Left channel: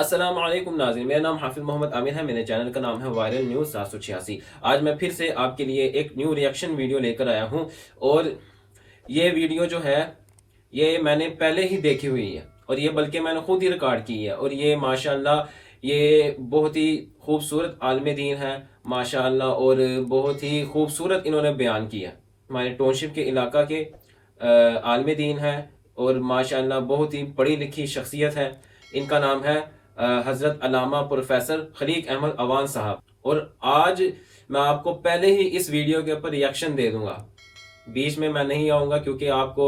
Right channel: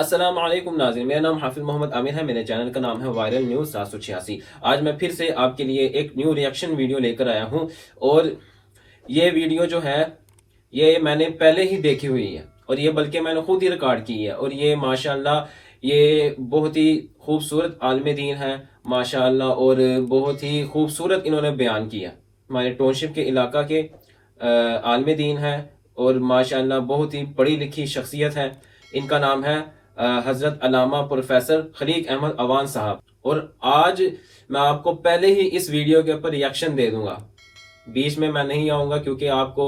السلام علیکم ناظرین، میرا نام حافظ محمد عامر ہے، میرے چینل کا نام ہے وائرل نیوز 786۔ آج میں پھر سے آپ کے لیے ایک نیو ریئیکشن ویڈیو لے کر آیا ہوں، اور یہ ویڈیو جو ہے یہ میں نے پہلے ہی دیکھی ہوئی ہے، اور یہ بلکہ میں نے خود ہی ریکارڈ کی ہے، اور یہ ماشاءاللہ یہ بہت ہی خوبصورت عالم دین ہے ماشاءاللہ، اور بہت ہی خوبصورت انہوں نے بیان کیا۔ ہمارے ٹاؤن شپ کے علاقہ کے عالم دین ہے، اور ماشاءاللہ بہت ہی پڑھی لکھی شخصیت ہے۔ ان کا نام ہے حضرت علامہ پروفیسر خلیق احمد عوان صاحب، اور آج میں آپ کو پہلے ہی اس ویڈیو کے اوپر ریئیکشن دے دوں گا، بیچ میں نہیں آؤں گا، کیونکہ آپ کو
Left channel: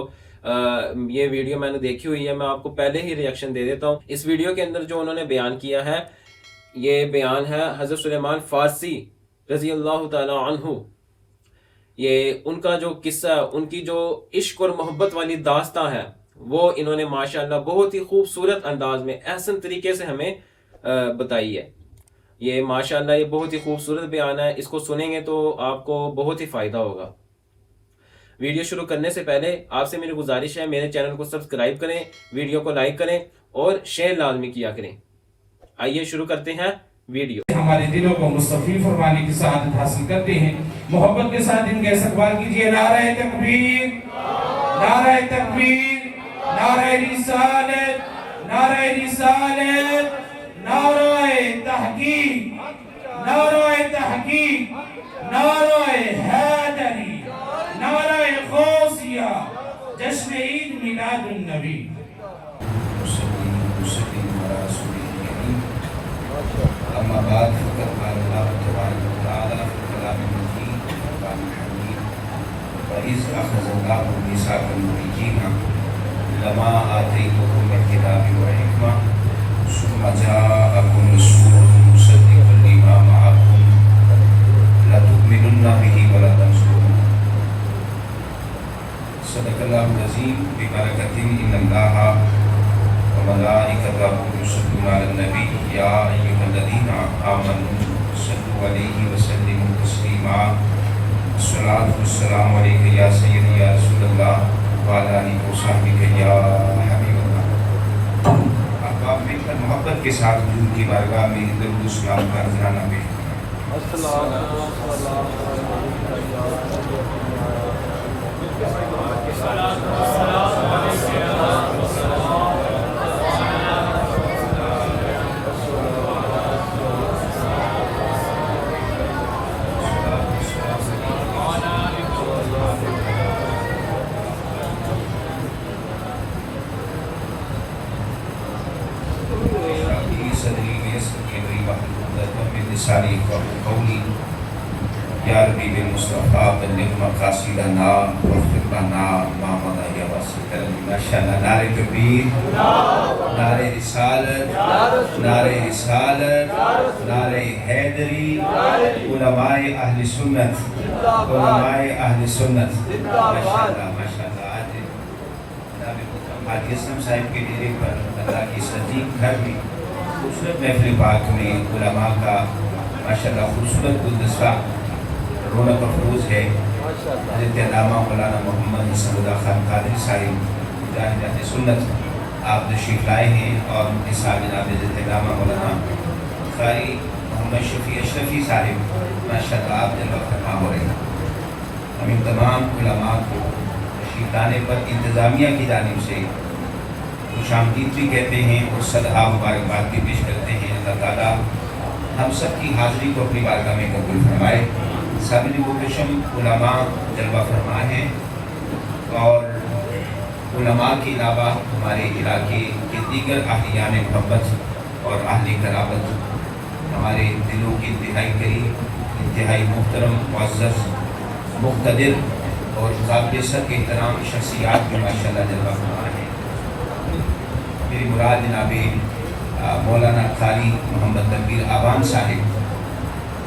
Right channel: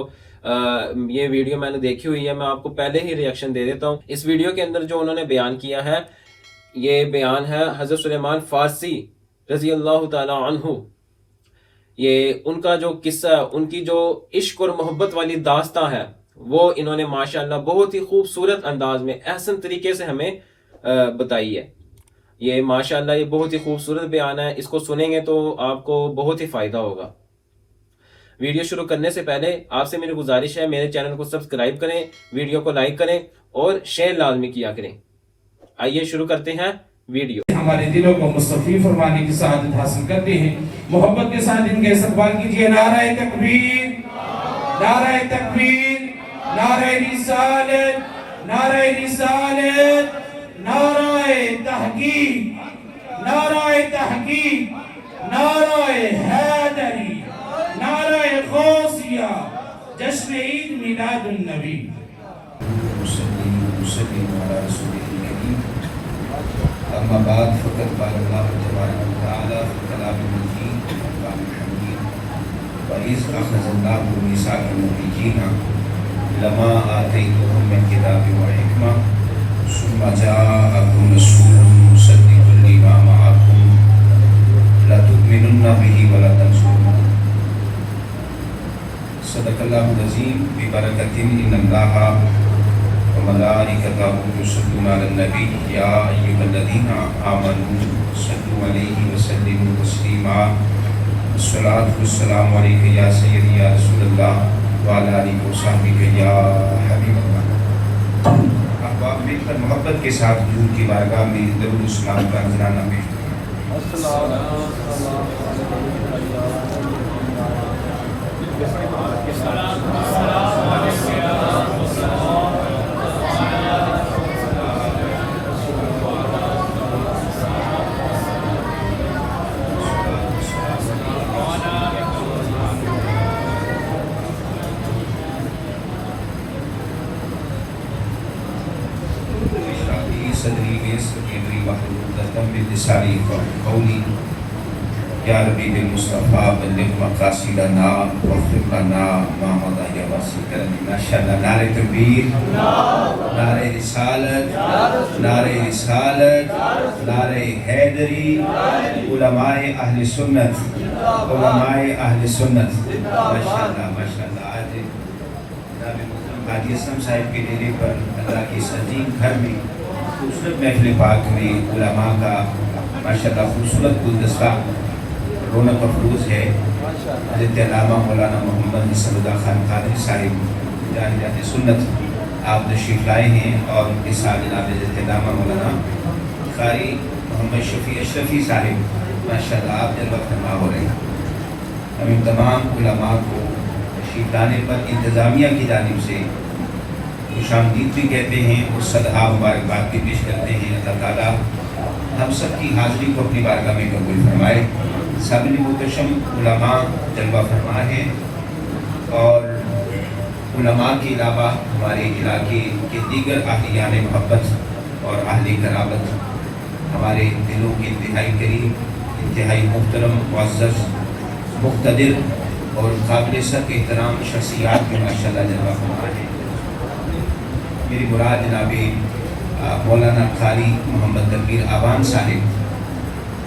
یہ ویڈیو میں نے دیکھی ہوئی ہے، میں آپ کو پہلے ہی ریئیکشن دے دیتا ہوں۔ اس ویڈیو کے اندر جو انہوں نے بیان کیا ہے، یہ بیان ہے حضرت سلیمان فارسی رضی اللہ تعالی عنہ۔ یہ ان کا جو قصہ ہے، ان کی جو عشق اور محبت والی داستان ہے، وہ انہوں نے ماشاءاللہ بہت ہی خوبصورت انداز میں احسن طریقے سے ہمیں بتائی ہے۔ یہ ماشاءاللہ یہ بہت ہی خوبصورت بیان ہے، اس کو سنیں گے تو آپ کو بہت ہی فائدہ ہوگا۔ ویڈیو شروع کرنے سے پہلے آپ سے میری گزارش ہے، میرے چینل کو سبسکرائب کریں، ویڈیو کو لائک کریں اور شیئر لازمی کیا کریں۔ آئیے شروع کرتے ہیں ویڈیو۔ ہمارے دلوں کو مصطفی فرمانے کی سعادت حاصل کرتے ہیں۔ محبت کے ساتھ ان کے استقبال کیجئے۔ نعرہ تکبیر، نعرہ تکبیر، نعرہ رسالت، نعرہ رسالت، نعرہ تحقیق، نعرہ تحقیق، نعرہ حیدری، نعرہ غوثیہ، جشن عید میلاد النبی۔ اما بعد فقد قال الله تبارك وتعالى في كلامه المجيد والقرآن الحميد وإذ أخذ الله ميثاق النبيين لما آتيتكم من كتاب وحكمة ثم جاءكم رسول مصدق لما معكم لتؤمنن به ولتنصرنه صدق الله العظيم ببركة إن الله وملائكته يصلون على النبي يا أيها الذين آمنوا صلوا عليه وسلموا تسليما الصلاة والسلام عليك يا سيدي يا رسول الله وعلى آلك وصحبك يا حبيب الله۔ احباب مل کر محبت کے ساتھ حضور کی بارگاہ میں درود و سلام کا نذرانہ پیش کریں۔ صدری ویسر امری محمودتا بلسانی قولی یا ربی بالمصطفیٰ بلغ مقاصدنا واغفر لنا ما مضى يا واسع ماشاءاللہ۔ نعرہ تکبیر، نعرہ رسالت، نعرہ رسالت، نعرہ حیدری، علماء اہل سنت، علماء اہل سنت، ماشاءاللہ ماشاءاللہ۔ حاجی اسلم صاحب کے ڈیرے پر اللہ کی سجین گھر میں خوبصورت محفل پاک میں علماء کا ماشاءاللہ خوبصورت گلدستہ رونق افروز ہے۔ حضرت علامہ مولانا محمد صلی اللہ خان قادری صاحب اہل سنت آپ تشریف لائے ہیں، اور ان کے ساتھ جناب حضرت علامہ مولانا قاری محمد شفیع اشرفی صاحب ماشاءاللہ آپ نے وقت فرما ہو رہے ہیں۔ ہم ان تمام علماء کو تشریف لانے پر انتظامیہ کی جانب سے خوش آمدید بھی کہتے ہیں اور صدقہ مبارکباد بھی پیش کرتے ہیں۔ اللہ تعالیٰ ہم سب کی حاضری کو اپنی بارگاہ میں قبول فرمائے۔ سامنے گلشن علماء جلوہ فرما ہے، اور علماء کے علاوہ ہمارے علاقے کے دیگر اہلیان محبت اور اہل قرابت ہمارے دلوں کے انتہائی قریب، انتہائی محترم، معزز، مقتدر اور قابل سر کے احترام شخصیات میں ماشاءاللہ جلوہ فرما ہے۔ میری مراد جناب مولانا قاری محمد تنویر عوان صاحب،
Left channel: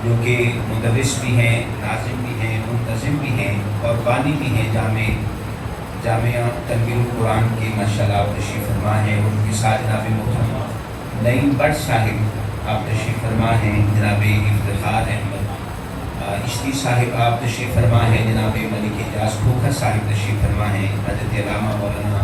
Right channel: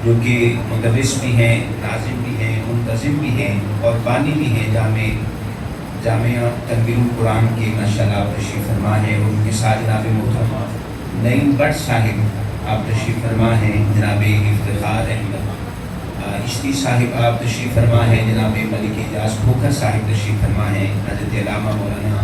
جو کہ مدرس بھی ہیں، ناظم بھی ہیں، منتظم بھی ہیں اور بانی بھی ہیں جامعہ تنویر القرآن کے ماشاءاللہ آپ تشریف فرما ہیں، اور ان کے ساتھ جناب محترم نعیم بٹ صاحب آپ تشریف فرما ہیں، جناب افتخار احمد عشقی صاحب آپ تشریف فرما ہیں، جناب ملک اجاز کھوکھر صاحب تشریف فرما ہیں، حضرت علامہ مولانا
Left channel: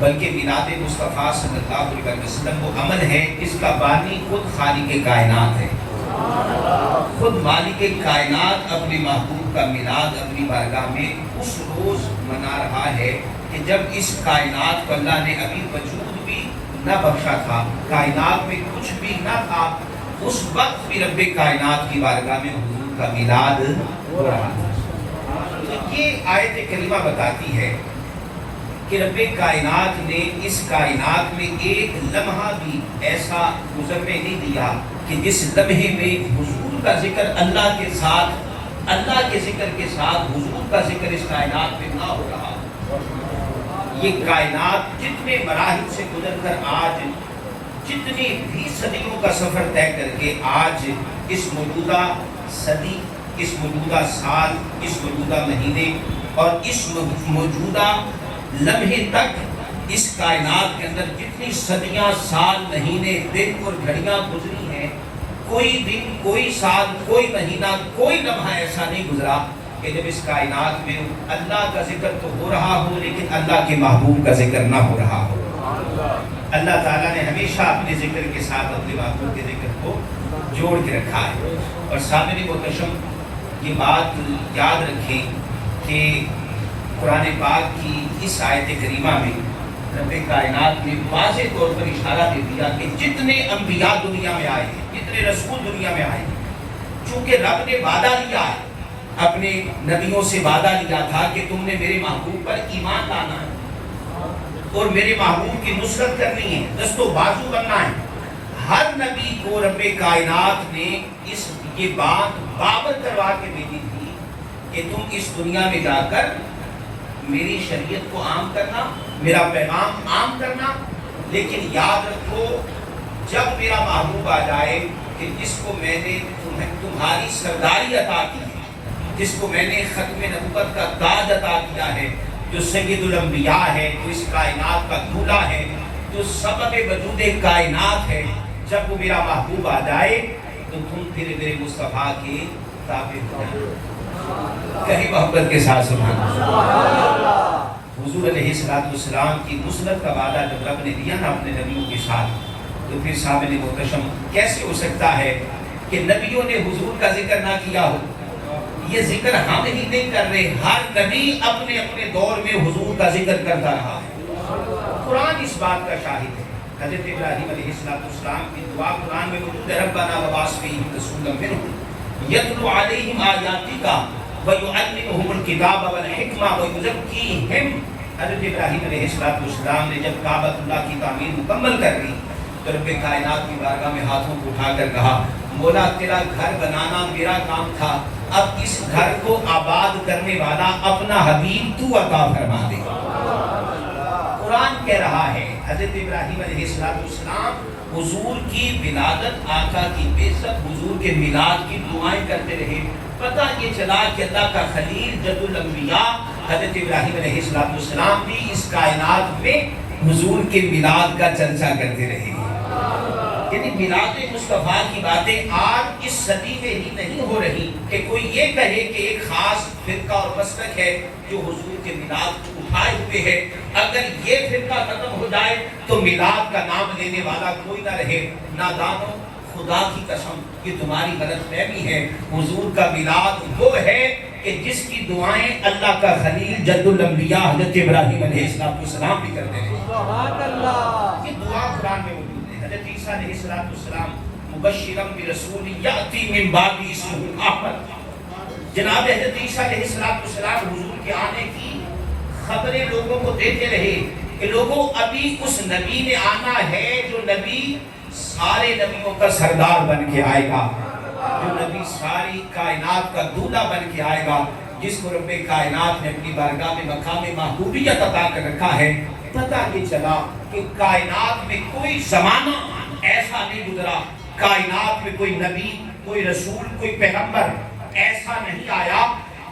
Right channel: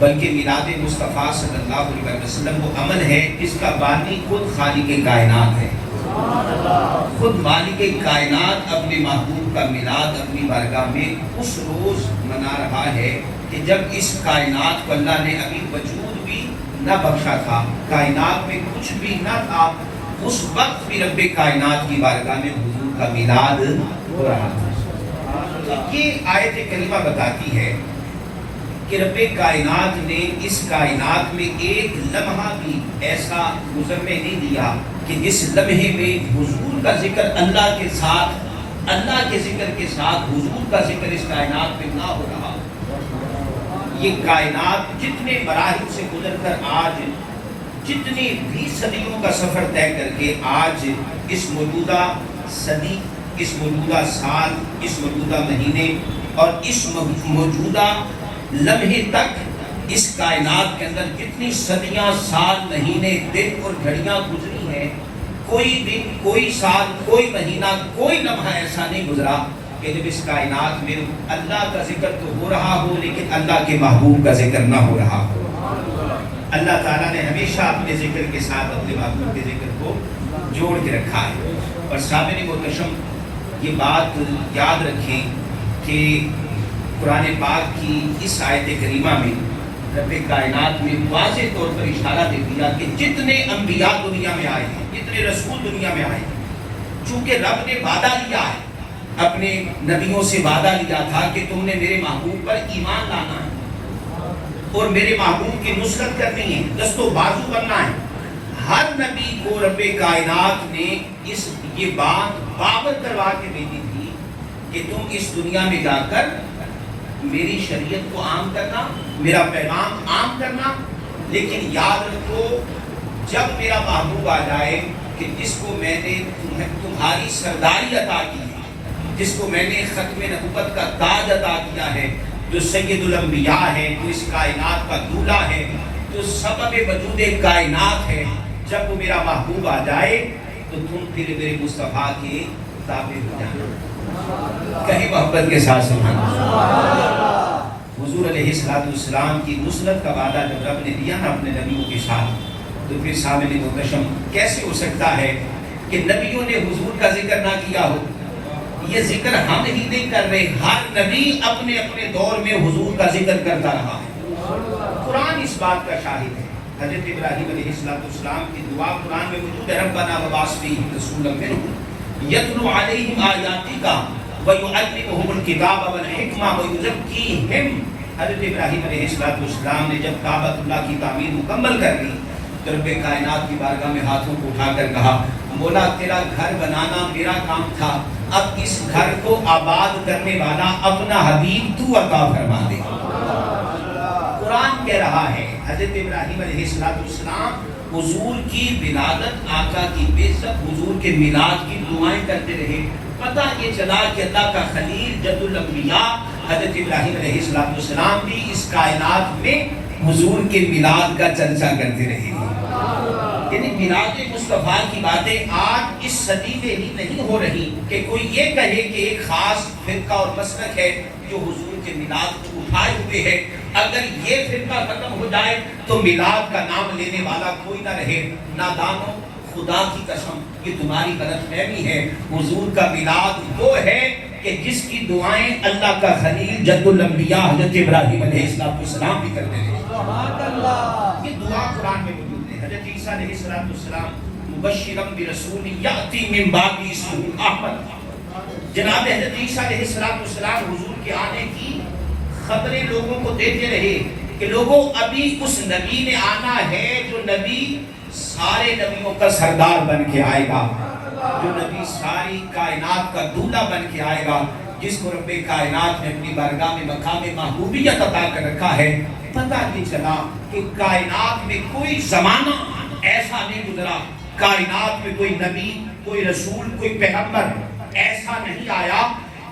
بلکہ میلاد مصطفیٰ صلی اللہ علیہ وسلم وہ عمل ہے جس کا بانی خود خالق کائنات ہے. خود مالک کائنات اپنے محبوب کا میلاد اپنی بارگاہ میں اس روز منا رہا ہے کہ جب اس کائنات کو اللہ نے ابھی وجود بھی نہ بخشا تھا, کائنات میں کچھ بھی نہ تھا, اس وقت بھی رب کائنات کی بارگاہ میں حضور کا میلاد ہو رہا تھا. تو یہ آیت کریمہ بتاتی ہے کہ رب کائنات نے اس کائنات میں ایک لمحہ بھی ایسا گزرنے نہیں دیا کہ جس لمحے میں حضور کا ذکر اللہ کے ساتھ, اللہ کے ذکر کے ساتھ حضور کا ذکر اس کائنات میں نہ ہو رہا. یہ کائنات کتنے مراحل سے گزر کر آج جتنی بھی صدیوں کا سفر طے کر کے آج اس موجودہ صدی, اس موجودہ سال, اس موجودہ مہینے اور اس موجودہ لمحے تک اس کائنات کے اندر جتنی صدیاں, سال, مہینے, دن اور گھڑیاں گزری ہیں, کوئی دن, کوئی سال, کوئی مہینہ, کوئی لمحہ ایسا نہیں گزرا کہ جب اس کائنات میں اللہ کا ذکر تو ہو رہا ہو لیکن اللہ کے محبوب کا ذکر نہ ہو رہا ہو. اللہ تعالیٰ نے ہمیشہ اپنے ذکر کے ساتھ اپنے محبوب کے ذکر کو جوڑ کے رکھا ہے. اور سامعین محترم یہ بات یاد رکھیں کہ قرآن پاک کی اس آیت کریمہ میں رب کائنات نے واضح طور پر اشارہ دے دیا کہ جتنے انبیاء دنیا میں آئے ہیں, جتنے رسول دنیا میں آئے ہیں, چونکہ رب نے وعدہ لیا ہے, اپنے نبیوں سے وعدہ لیا تھا کہ تم نے میرے محبوب پر ایمان لانا ہے اور میرے محبوب کی نصرت کرنی ہے, دست و بازو بننا ہے. ہر نبی کو رب کائنات نے یہ بات بابر کروا کے بھیجی تھی کہ تم اس دنیا میں جا کر میری شریعت کو عام کرنا, میرا پیغام عام کرنا, لیکن یاد رکھو جب میرا محبوب آ جائے کہ جس کو میں نے تمہاری سرداری عطا کی ہے, جس کو میں نے ختم نبوت کا تاج عطا کیا ہے, جو سید الانبیاء ہے, جو اس کائنات کا دولہ ہے, جو سبب وجود کائنات ہے, جب وہ میرا محبوب آ جائے تو تم پھر میرے مصطفیٰ کے تابع ہو جائے. کہیں محبت کے ساتھ سبحان اللہ. حضور علیہ السلام کی نصرت کا وعدہ جب رب نے دیا نا اپنے نبیوں کے ساتھ, تو پھر سامنے محتشم کیسے ہو سکتا ہے کہ نبیوں نے حضور کا ذکر نہ کیا ہو؟ یہ ذکر ہم ہی نہیں کر رہے, ہر نبی اپنے اپنے دور میں حضور کا ذکر کرتا رہا ہے. قرآن اس بات کا شاہد ہے. حضرت ابراہیم علیہ السلام کی دعا قرآن میں موجود ہے, ربنا وبعث رسولا منہم یتلو علیہم آیاتک ویعلمہم الکتاب والحکمہ ویزکیہم. حضرت ابراہیم علیہ السلام نے جب کعبۃ اللہ کی تعمیر مکمل کر لی تو رب کائنات کی بارگاہ میں ہاتھوں کو اٹھا کر کہا, مولا تیرا گھر بنانا میرا کام تھا, اب اس گھر کو آباد کرنے والا اپنا حبیب تو عطا فرما دے. قرآن کہہ رہا ہے حضرت ابراہیم علیہ السلام حضور کی ولادت, آقا کی بعثت, حضور کے میلاد کی دعائیں کرتے رہے. پتہ یہ چلا کہ اللہ کا خلیل جد الانبیاء حضرت ابراہیم علیہ السلام بھی اس کائنات میں حضور کے میلاد کا چرچا کرتے رہے. یعنی میلاد مصطفیٰ کی باتیں آج اس صدی میں ہی نہیں ہو رہی کہ کوئی یہ کہے کہ ایک خاص فرقہ اور مسلک ہے جو حضور کے میلاد کو اٹھائے ہوئے ہے. اگر یہ فرقہ ختم ہو جائے تو میلاد کا نام لینے والا کوئی نہ رہے. نادانو, خدا کی قسم یہ تمہاری غلط فہمی ہے. حضور کا میلاد وہ ہے کہ جس کی دعائیں اللہ کا خلیل جد الانبیاء حضرت ابراہیم علیہ السلام بھی کرتے ہیں. سبحان اللہ. یہ دعا قرآن میں موجود ہے. حضرت عیسیٰ علیہ السلام مبشرا برسول یأتی من بعد اسمہ احمد, جناب حضرت عیسیٰ علیہ السلام حضور کے آنے کی خبریں لوگوں کو دیتے رہے کہ لوگوں ابھی اس نبی نے آنا ہے جو نبی سارے نبیوں کا سردار بن کے آئے گا, جو نبی ساری کائنات کا دولہ بن کے آئے گا, جس کو رب کائنات نے اپنی بارگاہ میں مقام محبوبیت عطا کر رکھا ہے. پتہ نہیں چلا کہ کائنات میں کوئی زمانہ ایسا نہیں گزرا, کائنات میں کوئی نبی, کوئی رسول, کوئی پیغمبر ایسا نہیں آیا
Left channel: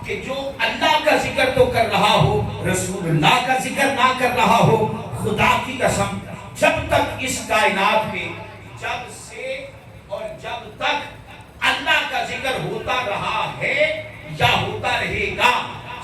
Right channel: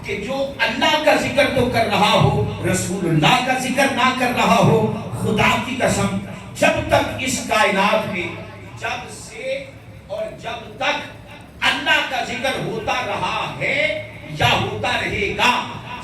کہ جو اللہ کا ذکر تو کر رہا ہو, رسول اللہ کا ذکر نہ کر رہا ہو. خدا کی قسم جب تک اس کائنات میں, جب سے اور جب تک اللہ کا ذکر ہوتا رہا ہے یا ہوتا رہے گا,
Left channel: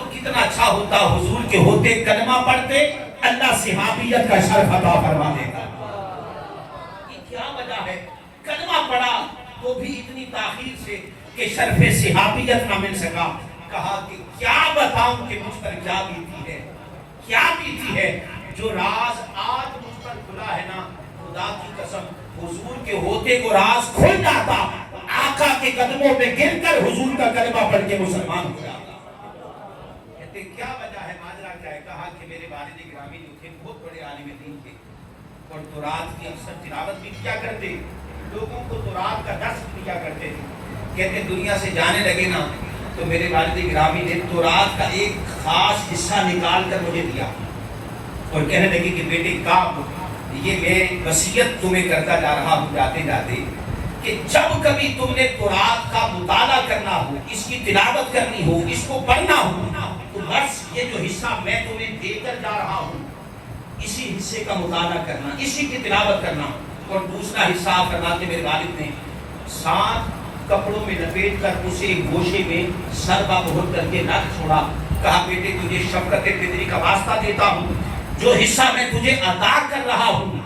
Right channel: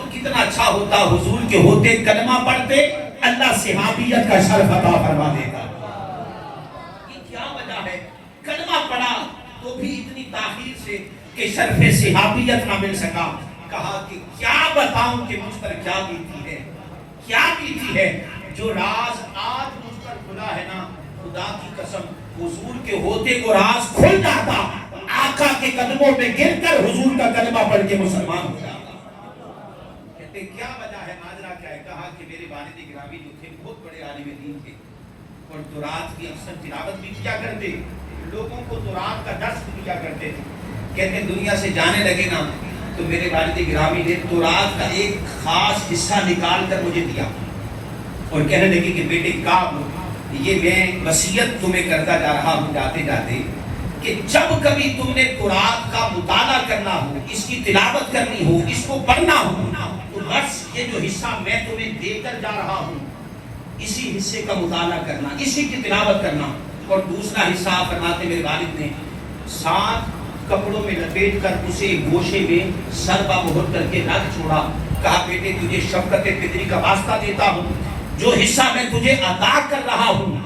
تو کتنا اچھا ہوتا حضور کے ہوتے کلمہ پڑھتے اللہ صحابیت کا شرف عطا فرما دیتا. یہ کیا وجہ ہے؟ کلمہ پڑھا تو بھی اتنی تاخیر سے کہ شرف صحابیت نہ مل سکا. کہا کہ کیا بتاؤں کہ مجھ پر کیا بیتی ہے، کیا بیتی ہے. جو راز آج مجھ پر کھلا ہے نا، خدا کی قسم حضور کے ہوتے کو راز کھل جاتا، آقا کے قدموں پہ گر کر حضور کا کلمہ پڑھ کے مسلمان ہو جاتا. کہتے کیا وجہ ہے، ماجرا کیا ہے؟ کہا کہ میرے والد گرامی جو تھے بہت بڑے عالم دین تھے اور تورات کی اکثر تلاوت بھی کیا کرتے، لوگوں کو تورات کا درس بھی دیا کرتے تھے. کہتے دنیا سے جانے لگے نا تو میرے والد گرامی نے تورات کا ایک خاص حصہ نکال کر مجھے دیا اور کہنے لگے کہ بیٹے کام یہ میں وصیت تمہیں کرتا جا رہا ہوں جاتے جاتے کہ جب کبھی تم نے قرآن کا مطالعہ کرنا ہو، اس کی تلاوت کرنی ہو، اس کو پڑھنا ہو، تو بس یہ جو حصہ میں تمہیں دے کر جا رہا ہوں اسی حصے کا مطالعہ کرنا، اسی کی تلاوت کرنا. اور دوسرا حصہ فرماتے میرے والد نے 7 کپڑوں میں لپیٹ کر اسے گوشے میں سر با مہر کر کے رکھ چھوڑا. کہا بیٹے تجھے شفقت فطری کا واسطہ دیتا ہوں، جو حصہ میں تجھے عطا کر رہا ہوں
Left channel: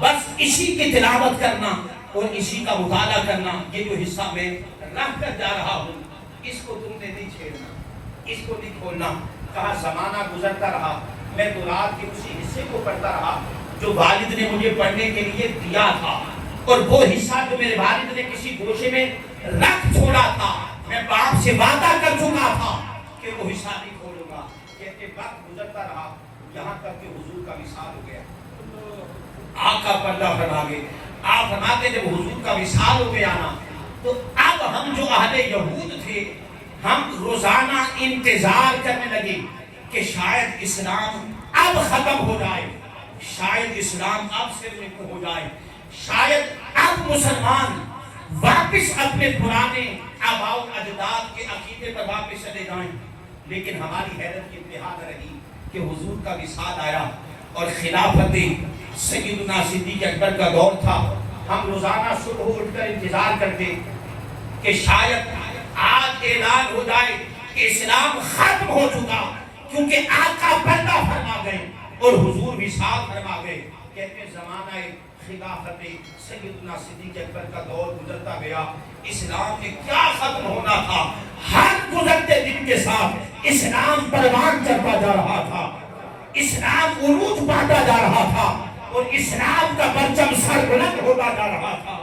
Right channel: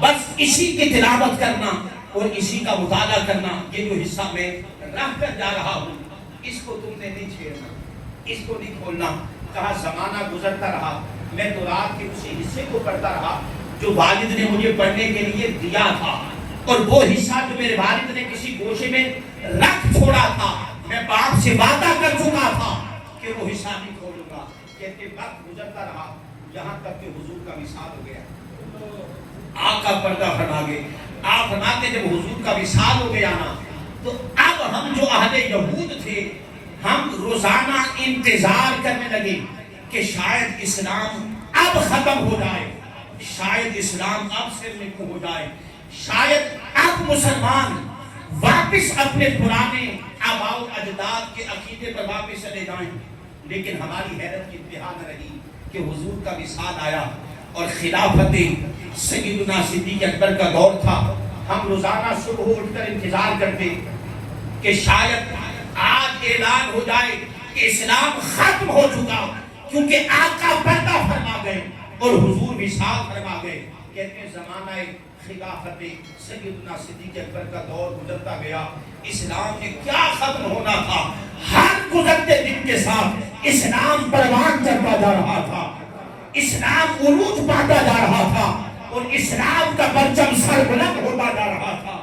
بس اسی کی تلاوت کرنا اور اسی کا مطالعہ کرنا. یہ جو حصہ میں رکھ کر جا رہا ہوں اس کو تم نے نہیں چھیڑنا، اس کو نہیں کھولنا. کہا زمانہ گزرتا رہا، میں تورات کے اسی حصے کو پڑھتا رہا جو والد نے مجھے پڑھنے کے لیے دیا تھا، اور وہ حصہ جو میرے والد نے کسی گوشے میں رکھ چھوڑا تھا میں باپ سے وعدہ کر چکا تھا کہ وہ حصہ نہیں کھولوں گا. کہتے وقت گزرتا رہا یہاں تک کہ حضور کا وصال ہو گیا. آقا پردہ فرما گئے. آپ فرماتے جب حضور کا وصال ہو گیا نا تو اب ہم جو اہل یہود تھے ہم روزانہ انتظار کرنے لگے کہ شاید اسلام اب ختم ہو جائے، شاید اسلام اب سے نکل ہو جائے، شاید اب مسلمان واپس اپنے پرانے آباء و اجداد کے عقیدے پر واپس چلے جائیں. لیکن ہماری حیرت کی انتہا نہ رہی کہ حضور کا وصال آیا اور خلافت سیدنا صدیق اکبر کا دور تھا. ہم روزانہ صبح اٹھ کر انتظار کرتے کہ شاید آج اعلان ہو جائے کہ اسلام ختم ہو چکا، کیونکہ آقا پردہ فرما گئے اور حضور وصال فرما گئے. کہتے ہیں زمانہ خلافت سیدنا صدیق اکبر کا دور گزرتا گیا. اسلام نے کیا ختم ہونا تھا، ہر گزرتے دن کے ساتھ اسلام پروان چڑھتا جا رہا تھا، اسلام عروج پاتا جا رہا تھا اور اسلام کا پرچم سر بلند ہوتا جا رہا تھا.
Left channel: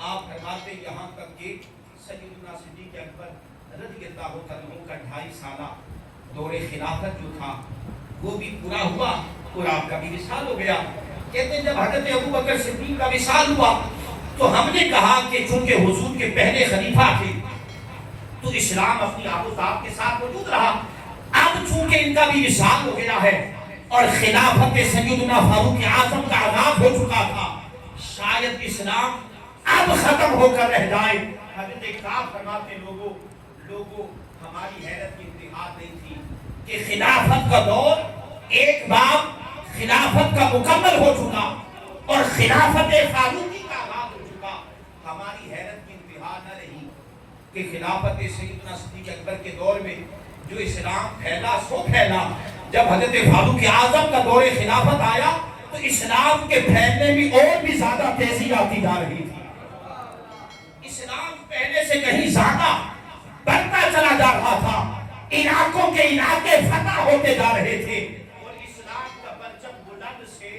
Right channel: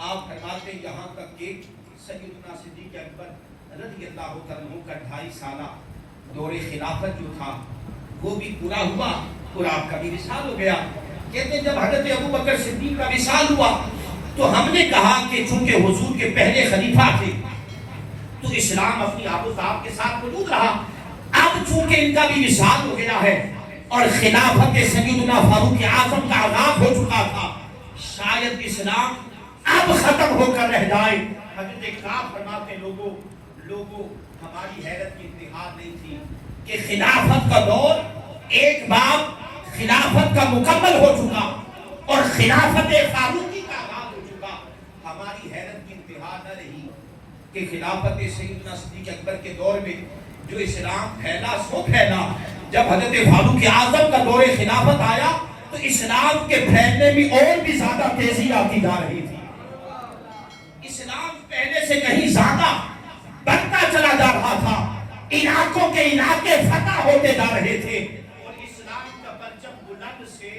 آپ فرماتے یہاں تک کہ سیدنا صدیق اکبر رضی اللہ عنہ کا 2.5 سالہ دور خلافت جو تھا وہ بھی پورا ہوا اور آپ کا بھی وصال ہو گیا. کہتے ہیں جب حضرت ابوبکر صدیق کا وصال ہوا تو ہم نے کہا کہ چونکہ حضور کے پہلے خلیفہ تھے تو اسلام اپنی آب و تاب کے ساتھ موجود رہا. اب چونکہ ان کا بھی وصال ہو گیا ہے اور خلافت سیدنا فاروق اعظم کا آغاز ہو چکا تھا، شاید اسلام اب ختم ہو کر رہ جائے. حضرت کعب فرماتے لوگوں ہماری حیرت کی انتہا نہیں تھی کہ خلافت کا دور ایک بار خلافت کا مکمل ہو چکا اور خلافت فاروقی کا آغاز ہو چکا. ہماری حیرت کی انتہا نہ رہی کہ خلافت سیدنا صدیق اکبر کے دور میں جو اسلام پھیلا سو پھیلا. جب حضرت فاروق اعظم کا دور خلافت آیا تو اسلام کے پھیلنے میں اور بھی زیادہ تیزی آتی جا رہی تھی. اسلام پہلے سے کہیں زیادہ بڑھتا چلا جا رہا تھا، علاقوں کے علاقے فتح ہوتے جا رہے تھے اور اسلام کا پرچم بلند سے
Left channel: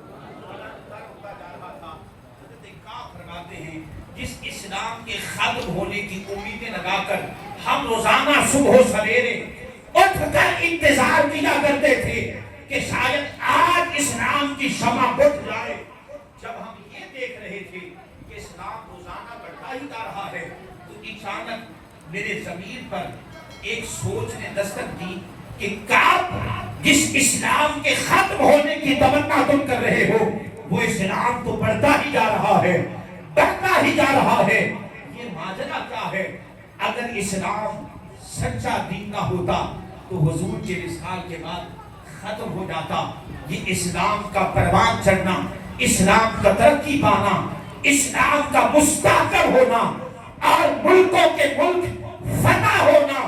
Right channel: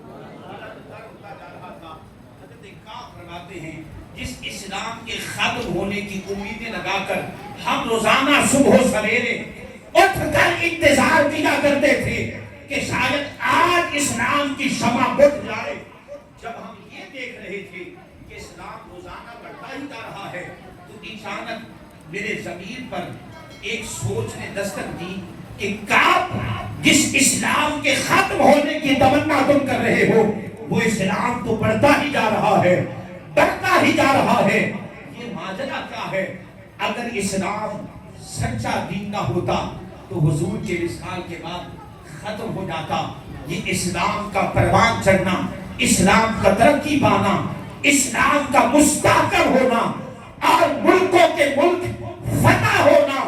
بلند تر ہوتا جا رہا تھا. حضرت کعب فرماتے ہیں جس اسلام کے ختم ہونے کی امیدیں لگا کر ہم روزانہ صبح و سویرے اٹھ کر انتظار کیا کرتے تھے کہ شاید آج اسلام کی شمع بجھ جائے. جب ہم یہ دیکھ رہے تھے کہ اسلام روزانہ بڑھتا ہی جا رہا ہے تو اچانک میرے ضمیر پر ایک سوچ نے دستک دی کہ کعب جس اسلام کے ختم ہونے کی تمنا تم کر رہے ہو وہ اسلام تو بڑھتا ہی جا رہا ہے، بڑھتا ہی جا رہا ہے. یہ ماجرا کیا ہے؟ اگر اسلام سچا دین کا ہوتا تو حضور کے وصال کے بعد ختم ہو جاتا. یہ اسلام کا پروان چڑھنا، اسلام کا ترقی پانا، اسلام کا مستحکم ہونا اور ملکوں کے ملک فتح ہونا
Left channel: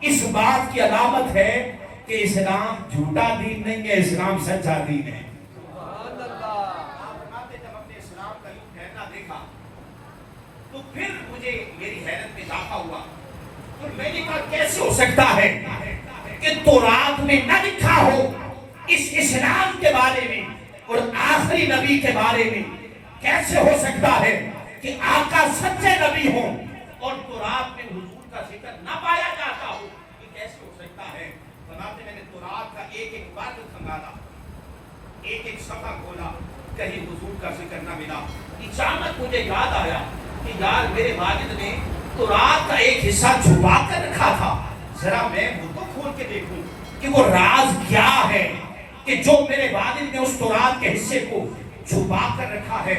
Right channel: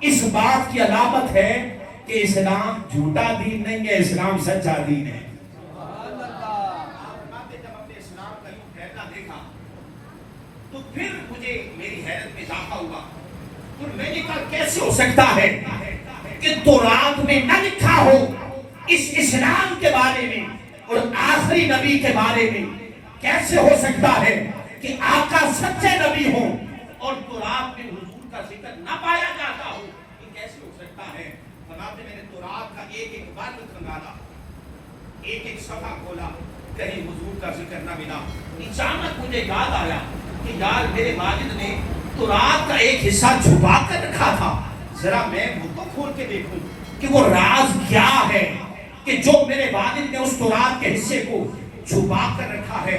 اس بات کی علامت ہے کہ اسلام جھوٹا دین نہیں ہے، اسلام سچا دین ہے۔ جب اپنے اسلام کا یوں ٹھہرنا دیکھا تو پھر مجھے میری حیرت میں اضافہ ہوا، تو میں نے کہا کیسے ہو سکتا ہے کہ تورات میں نہ لکھا ہو اس اسلام کے بارے میں اور آخری نبی کے بارے میں؟ کیسے ہو سکتا ہے کہ آقا سچے نبی ہوں اور تورات میں حضور کا ذکر نہ پایا جاتا ہو؟ یہ کیسے ہو سکتا ہے؟ فرماتے میں نے تورات کا ایک ایک بات سنبھالا، ایک ایک صفحہ کھولا، کہیں حضور کا ذکر نہ ملا۔ اچانک مجھے یاد آیا کہ یار میرے والد نے تورات کا ایک حصہ چھپا کر رکھا تھا، ذرا میں وہ تو کھول کے دیکھوں کہ وہ راز کیا ہے کہ جو میرے والد نے اس تورات کے حصے کو چھپا کر رکھا ہے۔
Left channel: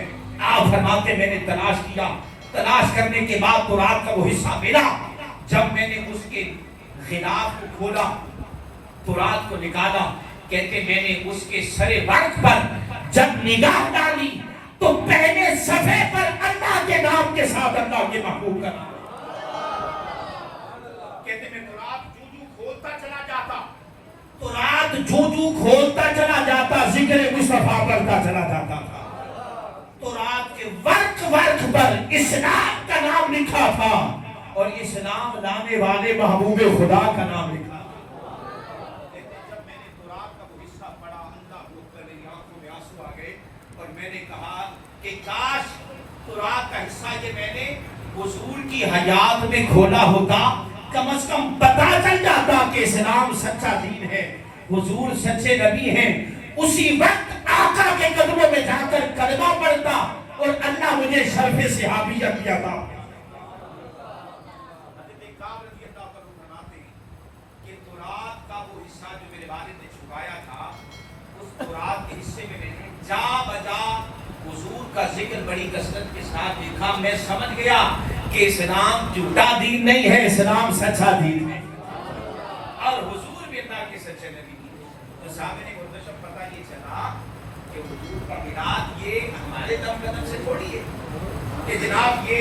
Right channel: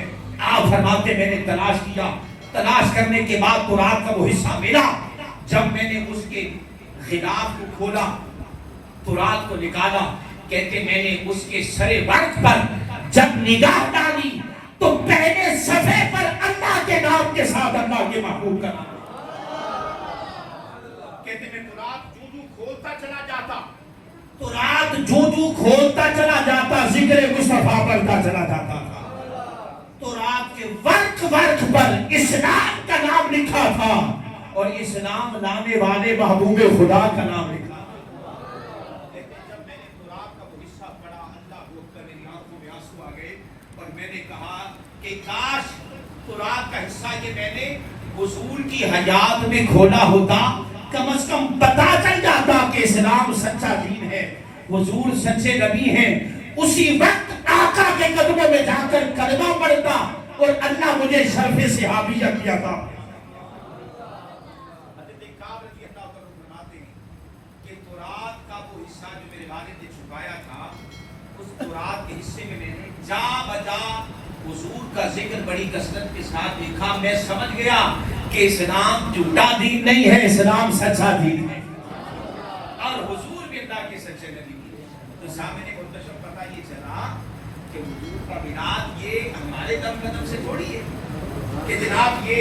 آپ فرماتے میں نے تلاش کیا، تلاش کرنے کے بعد تورات کا وہ حصہ ملا۔ جب میں نے اس کے غلاف کو کھولا، تورات کو نکالا، کہتے میں نے اس کے سرے ورق پر جب نگاہ ڈالی تو پہلے صفحے پر اللہ کے نام کے ساتھ اللہ کے محبوب کا نام، کہتے میں تورات جو جو کھولتا چلا جاتا، تورات جو جو کھولتا چلا جاتا، ذکر مصطفیٰ بڑھتا چلا جاتا تھا۔ تورات کے ورق پر اسلام کا نام لکھا تھا اور اسلام لانے والے محبوب خدا کا نام لکھا۔ لیکن جب میں نے تورات کا وہ حصہ پڑھا، اللہ اکبر، میری آنکھوں میں آنسو آ گئے اور میں نے کہا کہ کاش تورات کا حصہ یہ میں نے حضور کی حیات میں کھولا ہوتا، کم از کم پتا چل جاتا کہ اسلام سچا دین ہے، حضور سچے نبی ہیں۔ اسی وقت آقا کے قدموں میں جا کر کلمہ پڑھتا اور اللہ مجھے شرف صحابیت کیا تھا۔ حضرت کعب رضی اللہ عنہ فرماتے ہیں کہ تورات کا وہ حصہ جو میرے والد نے چھپایا تھا، اس تورات کے حصے میں میں نے جا بجا حضور کا ذکر بڑی کثرت کے ساتھ لکھا۔ میں سمجھ گیا کہ اسلام جھوٹا دین نہیں ہے، اسلام سچا دین ہے اور حضور بھی اللہ کے سچے نبی ہیں۔ تو صاحب نے پتہ یہ چلا کہ حضور کا میلاد یہ ہمارے دم قدم سے تھوڑی ہے کہ جناب یہ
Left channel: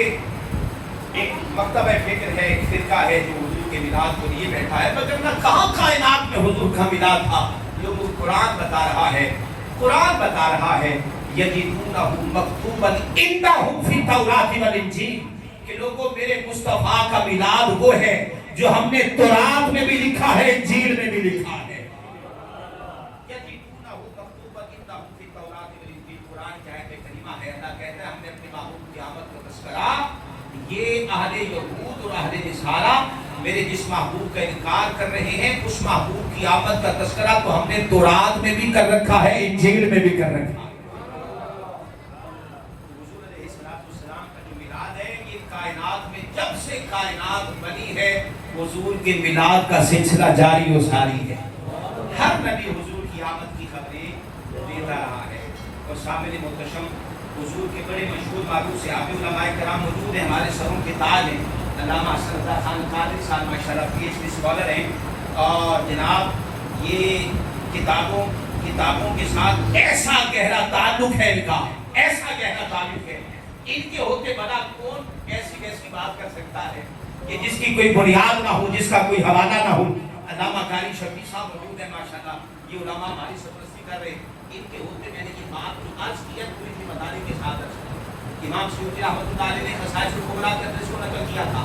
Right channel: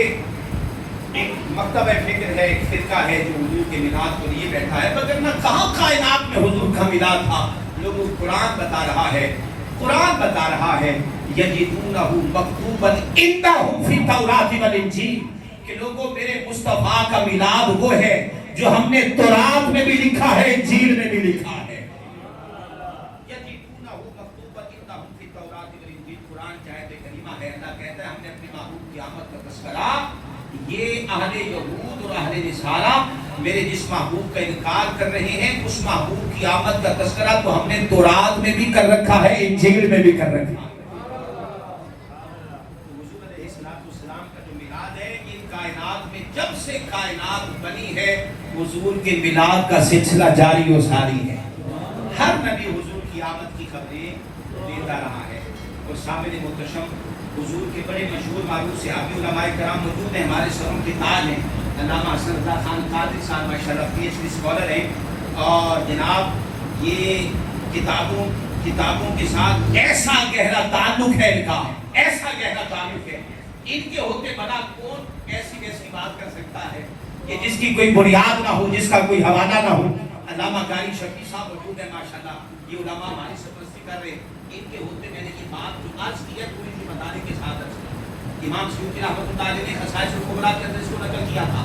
ایک مکتبہ فکر ہے، ایک فرقہ ہے جو حضور کے میلاد کے لیے بیٹھا ہے، مگر نہ کہاں کائنات میں حضور کا میلاد تھا۔ جو قرآن بتا رہا ہے، قرآن بتا رہا ہے یجدونہ مکتوبا عندہم فی التوراۃ والانجیل، کہ لوگوں میرے مصطفیٰ کا میلاد وہ ہے جو ہم نے تورات میں بھی لکھا ہے، انجیل میں بھی لکھا ہے۔ یجدونہ مکتوبا عندہم فی التوراۃ والانجیل، قرآن کہتے کلمہ ہے، اللہ کہتا ہے ہم نے اپنے محبوب کی آمد کا تذکرہ، یہ اہل یہود اور اہل نصارہ میرے جس محبوب کا انکار کر رہے ہیں، اس محبوب کی آمد کا تذکرہ تو ہم نے تورات میں بھی کر رکھا ہے، انجیل میں بھی کر رکھا ہے۔ حضور علیہ السلام کا جو میلاد ہے، یہ کائنات میں جب سے کائنات بنی ہے حضور کے میلاد کا سلسلہ جاری و ساری ہے۔ ہر نبی حضور کی آمد کی خبریں دیتا رہا ہے۔ اور سامنے محتشم حضور کے بڑے مشہور معروف صحابی علماء کرام موجود ہیں، ہمارے سروں کے تاج ہیں۔ علامہ حسن رضا خان قادری صاحب ماشاءاللہ پی ایچ ڈی اسکالر ہیں، اور جناب یہ کتابوں کے ساتھ ایسا گہرا تعلق ہے ان کا، ایسا گہرا تعلق ہے، ان کے ہوتے بنا کون کیسی کیسی بات کر سکتا ہے کہ جس کی کوئی بنیاد نہ ہو، جس کا کوئی حوالہ نہ ہو۔ علامہ قاری شفیع صاحب موجود ہیں ماشاءاللہ، یہ علماء ہماری سرپرستی کر رہے ہیں۔ ان کے ہوتے میں نے یہ بات جو عرض کی ہے پوری ذمہ کے ساتھ امام سیوطی رحمۃ اللہ علیہ نے خصائص الکبریٰ کے اندر اس کو نقل کیا تھا۔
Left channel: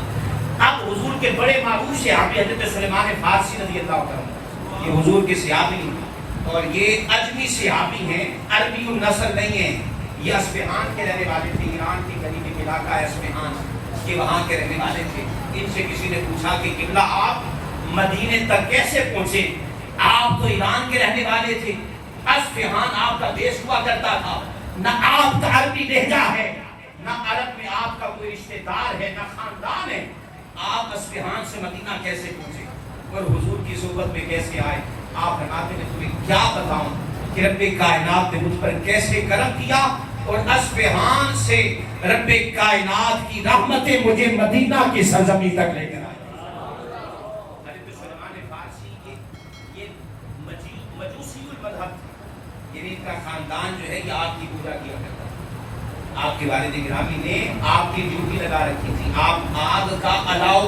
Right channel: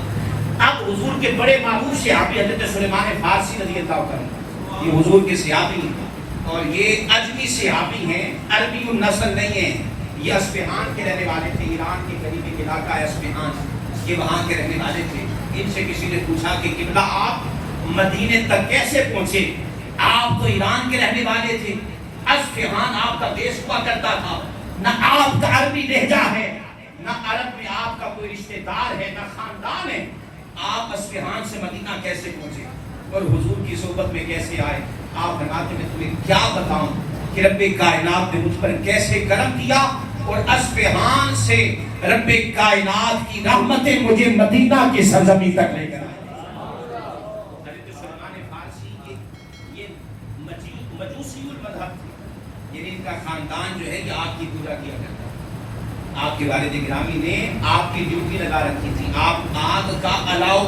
اب حضور کے بڑے محبوب صحابی حضرت سلیمان فارسی رضی اللہ عنہ، یہ حضور کے صحابی ہیں اور یہ اجمی صحابی ہیں، عربی النسل نہیں ہیں، یہ اصفہان کے رہنے والے تھے، ایران کے قریبی علاقہ ہے اصفہان، یہ وہاں کے رہنے والے تھے۔ ان سے کسی نے پوچھا کہ قبلہ آپ مدینے تک کیسے پہنچے؟ آپ تو ایران کے رہنے والے تھے، اصفہان آپ کا دیش ہوا کرتا تھا، نہ آپ کا عربی لہجہ ہے، نہ عرب میں آپ کا کوئی رشتہ دار ہے، نہ خاندان ہے، آپ اصفہان سے مدینہ کیسے پہنچے اور حضور کی صحبت میں کیسے آئے؟ آپ فرماتے ہیں تمہیں کیا بتاؤں کہ رب کائنات نے مجھ پر کیسے کرم کیا اور اصفہان سے رب کائنات کی رحمتیں مجھے مدینہ کی سرزمین تک لے کر آئے۔ حضرت سلیمان فارسی یہ مجوسی المذہب تھے، یعنی ان کا خاندان جو ہے یہ آگ کی پوجا کیا کرتا ہے۔ آپ کے والد گرامی نے آگ کی ڈیوٹی لگا رکھی تھی، آپ آگ کا الاؤ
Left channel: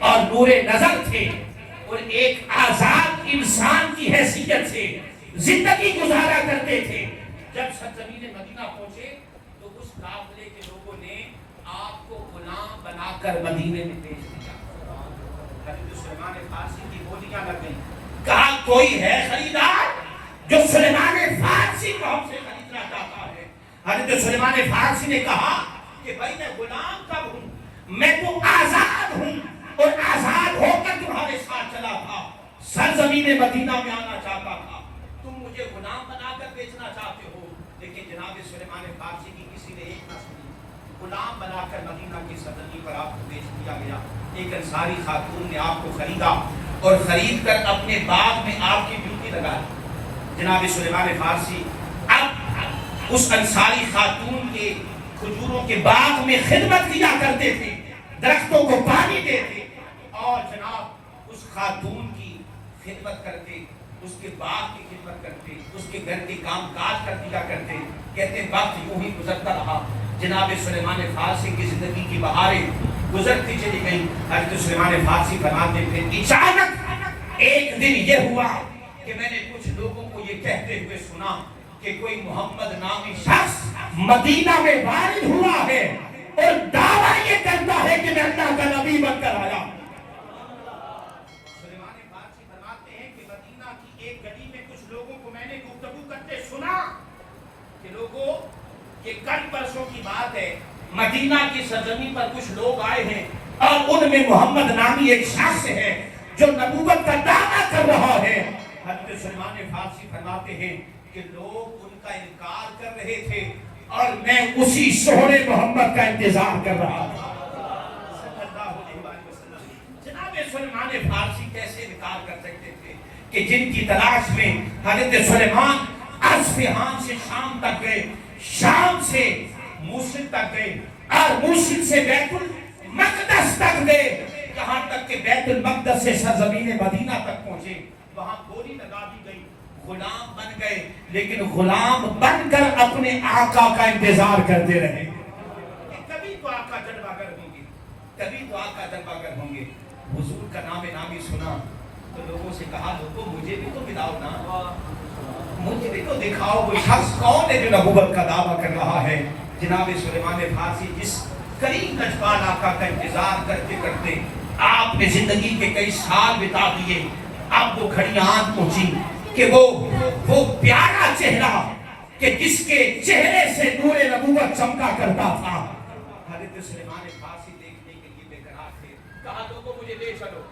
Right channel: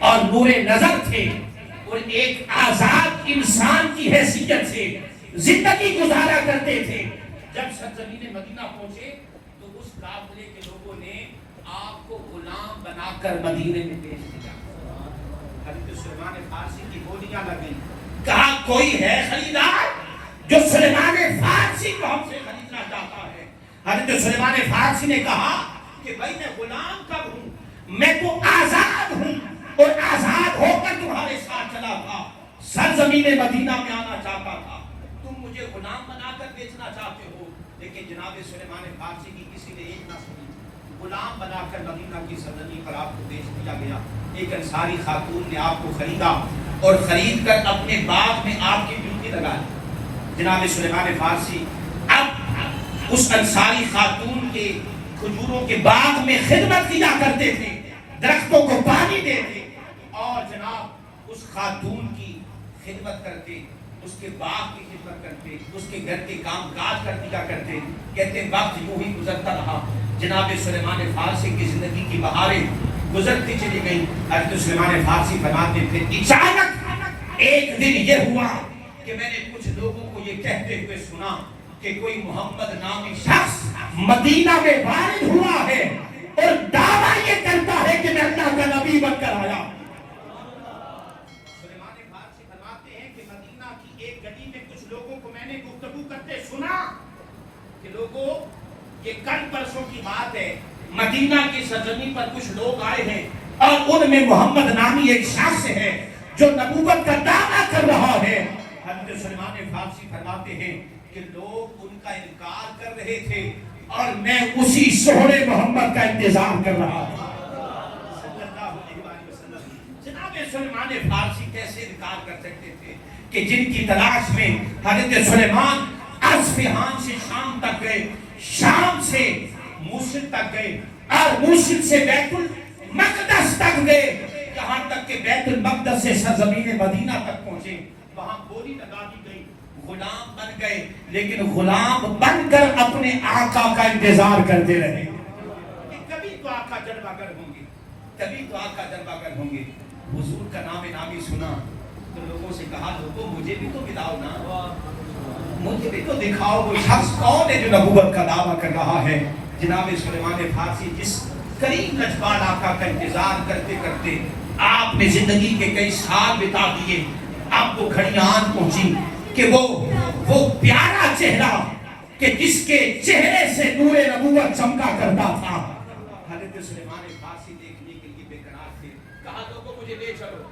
اور نور نظر تھے اور ایک آزاد انسان کی حیثیت سے زندگی گزارا کرتے تھے. جب سرزمین مدینہ پہنچے تو اس قافلے کے لوگوں نے آپ کو غلام بنا کر مدینے میں بھیج دیا. حضرت سلیمان فارسی کی بولیاں لگ گئی. کہا کوئی ہے خریدار جو سلیمان فارسی کو ہم سے خریدنا چاہتا ہے؟ حضرت سلیمان فارسی نے کہا کہ بھائی میں غلام کب ہوں, میں تو آزاد ہوں اور آزاد ہو کر تمہارے ساتھ چلا تھا, سرزمین مدینہ میں آنا چاہتا تھا, تم مجھے غلام بنا کر بیچنا چاہتے ہو. لیکن جناب سلیمان فارسی کی کسی نے ایک نہ سنی. غلام بنا کر مدینہ کی سرزمین پر آپ کو بیچ دیا گیا. ایک انصاری خاتون نے آپ کو خریدا اور خرید کر اپنے باغ میں آپ کی ڈیوٹی لگا دی. جناب سلیمان فارسی اب اس انصاری خاتون کے کھجوروں کے باغ میں خدمت کیا کرتے تھے, درختوں کو پانی دیتے اور جناب اس خاتون کی خدمت کرتے, اس کے باغ کی خدمت کرتے, اس کے گھر کے کام کاج کر دیا کرتے. کہتے وقت یوں ہی گزرتا رہا. جناب سلیمان فارسی کی زندگی کی بہاریں گزرتی چلی گئی. حضرت سلیمان فارسی فرماتے تھے اچانک ایک دن یہ ہوا کہ میں نے کچھ لوگوں کو یہ کہتے ہوئے سنا کہ کوئی محمد نامی شخص مدینہ میں وارد ہوا ہے اور دعویٰ یہ کرتا ہے کہ میں اللہ کا نبی بن کر آیا. سلیمان فارسی فرماتے ہیں کہ مدینہ کی ایک گلی میں کچھ لوگوں کو میں نے گفتگو کرتے سنا کہ لوگوں یہ کل پرسوں کی بات ہے, مدینہ کی سرزمین پر کچھ لوگ آئے ہیں اور ان میں محمد نامی ایک شخص ہے جو نبوت کا دعویٰ کر رہا ہے. حضرت سلیمان فارسی فرماتے ہیں کہ لوگ ان کا انکار کر رہے تھے اور میں اسی شہرے محمد کا انتظار کر رہا تھا. جناب سلیمان فارسی کیسے انکار کر سکتے تھے کہ جن کی تلاش میں حضرت سلیمان اصفہان سے شام تک گئے, شام سے موصل تک گئے اور موصل سے بیت المقدس تک گئے, کہاں تک کہ بیت المقدس سے سرزمین مدینہ تک پہنچے. وہاں بولی لگا دی گئی, غلام بن گئے, لیکن غلام بن کر اپنے آقا کا انتظار کرتے رہے. کبھی تو آقا درباگر ہوں گے, کبھی تو آقا درباگر ہوں گے. حضور کا نام نامی سنا تو لوگوں سے کہا لوگوں مجھے بھی تو ملاؤ نا, مجھے بھی تو دکھاؤ وہ شخص کون ہے جو نبوت کا دعویٰ کر رہا ہے. جناب سلیمان فارسی جس قریب کچبال آقا کا انتظار کرتے کرتے آپ نے زندگی کے کئی سال بتا دیے, آپ کو گھڑی آن پہنچی کہ وہ پیارا چہرہ کہ جس کے چہرے سے نور نبوت چمکا کرتا تھا. حضرت سلیمان فارسی دیکھنے کے لیے بے قرار تھے. کہا لوگوں مجھے لے چلو,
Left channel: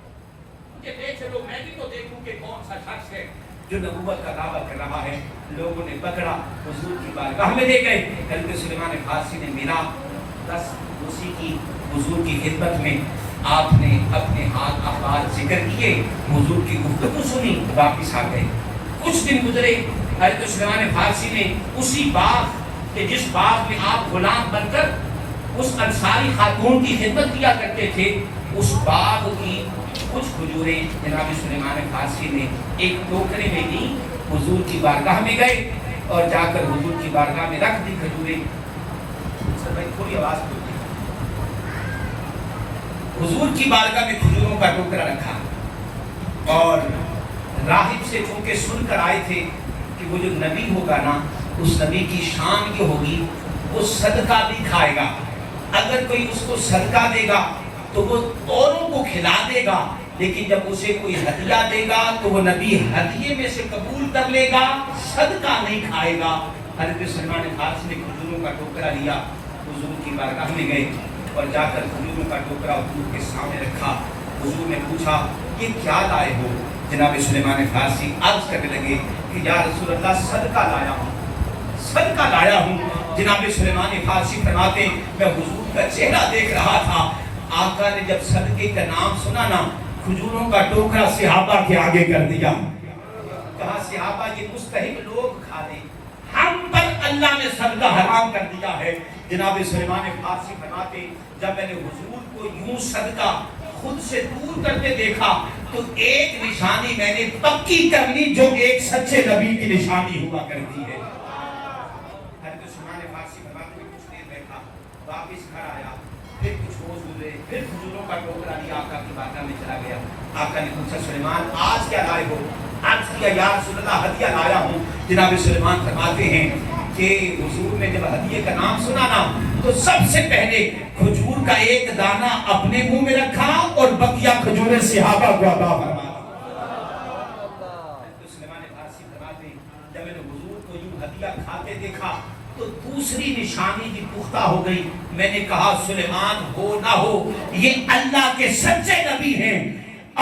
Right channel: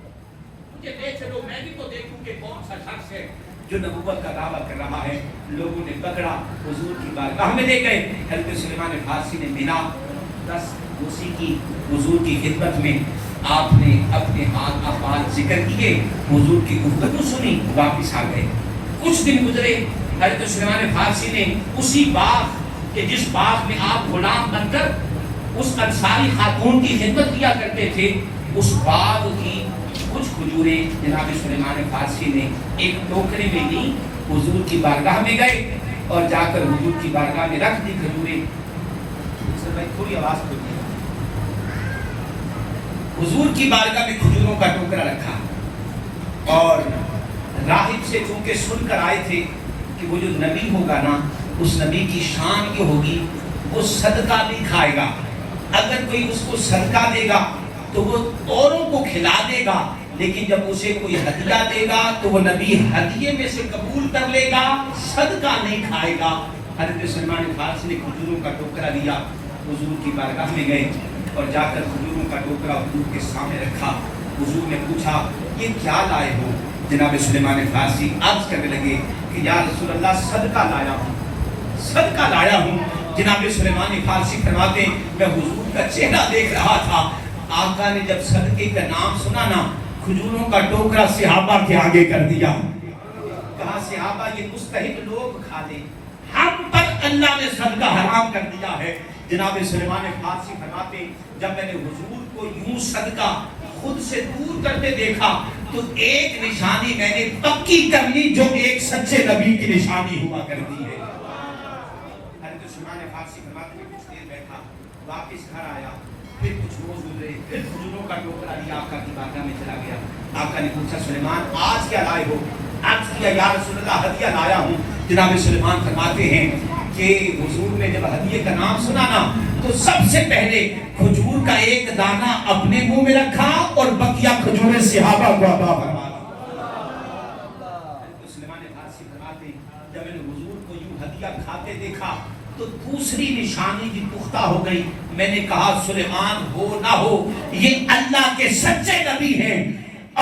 مجھے لے چلو, میں بھی تو دیکھوں کہ کون سا شخص ہے جو نبوت کا دعویٰ کر رہا ہے. لوگوں نے پکڑا, حضور کی بارگاہ میں لے گئے. حضرت سلیمان فارسی نے ملا, 10 کرسی کی حضور کی خدمت میں آپ نے اپنے ہاتھ افعال ذکر کیے, حضور کی گفتگو سنی, واپس آ گئے. کچھ دن گزرے, حضرت سلیمان فارسی نے اسی باغ کہ جس باغ میں آپ غلام بن کر اس انصاری خاتون کی خدمت کیا کرتے تھے, اس باغ کی کچھ کھجوریں جناب سلیمان فارسی نے ایک ٹوکرے میں لی, حضور کی بارگاہ میں گئے اور جا کر حضور کی بارگاہ میں رکھ دی کھجوریں. سر بھائی تھوڑی آواز بولیے. حضور کی بارگاہ میں کھجوروں کا ٹوکرا رکھا اور راہب سے چونکہ سن کر آئے تھے کہ وہ جو نبی ہوگا نا, اس نبی کی شان یہ ہوگی وہ صدقہ بھی کھائے گا. اگر کوئی اس کو صدقہ دے گا تو وہ اوروں کو کھلا دے گا, لیکن جب اسے کوئی ہدیہ دے گا تو وہ نبی ہدیے میں سے قبول کر لے گا, صدقہ نہیں کھائے گا. حضرت سلیمان فارسی نے کھجوروں کا ٹوکرا لیا, حضور کی بارگاہ میں گئے اور جا کر کھجوروں کا ٹوکرا حضور کے سامنے رکھا. حضور نے پوچھا یہ کیا لائے ہو؟ جناب سلیمان فارسی عرض کرنے لگے کہ یا رسول اللہ صدقہ لایا ہوں, صدقہ لایا ہوں. جناب سلیمان فارسی فرماتے میں حضور کا چہرہ دیکھ رہا تھا, آقا نے جب صدقے کا نام سنا نا, کھجوروں کا ٹوکرا صحابہ کے آگے کر دیا. کہا صحابہ یہ مستحق لوگ کھا لیں, ہم پر اللہ نے صدقہ حرام کر دیا ہے. جناب سلیمان فارسی فرماتے جب میں نے حضور کو یوں صدقہ خود سے دور کرتے دیکھا تو ایک نشانی میں نے پکی کر لی جو ایک سچے نبی کی نشانی ہوا کرتی ہے. حضرت سلیمان فارسی فرماتے میں کچھ دیر بیٹھا, واپس گھر آیا, پھر کچھ روز گزرے, پھر کھجوروں کا ٹوکرا لیا آقا کی بارگاہ میں چلا گیا. آقا نے پوچھا سلیمان آج کیا لائے ہو؟ عرض کیا یا رسول اللہ ہدیہ لایا ہوں. جناب سلیمان فرماتے ہیں کہ حضور نے جب ہدیے کا نام سنا نا تو سب سے پہلے کھجور کا ایک دانہ اپنے منہ میں رکھا اور بقیہ کھجوریں صحابہ کو عطا فرمایا. سلیمان فارسی فرماتے ہیں جب میں نے حضور کو یوں ہدیہ کھاتے دیکھا تو دوسری نشانی بھی پختہ ہو گئی. میں نے کہا سلیمان ہو نہ ہو یہ اللہ کے سچے نبی ہیں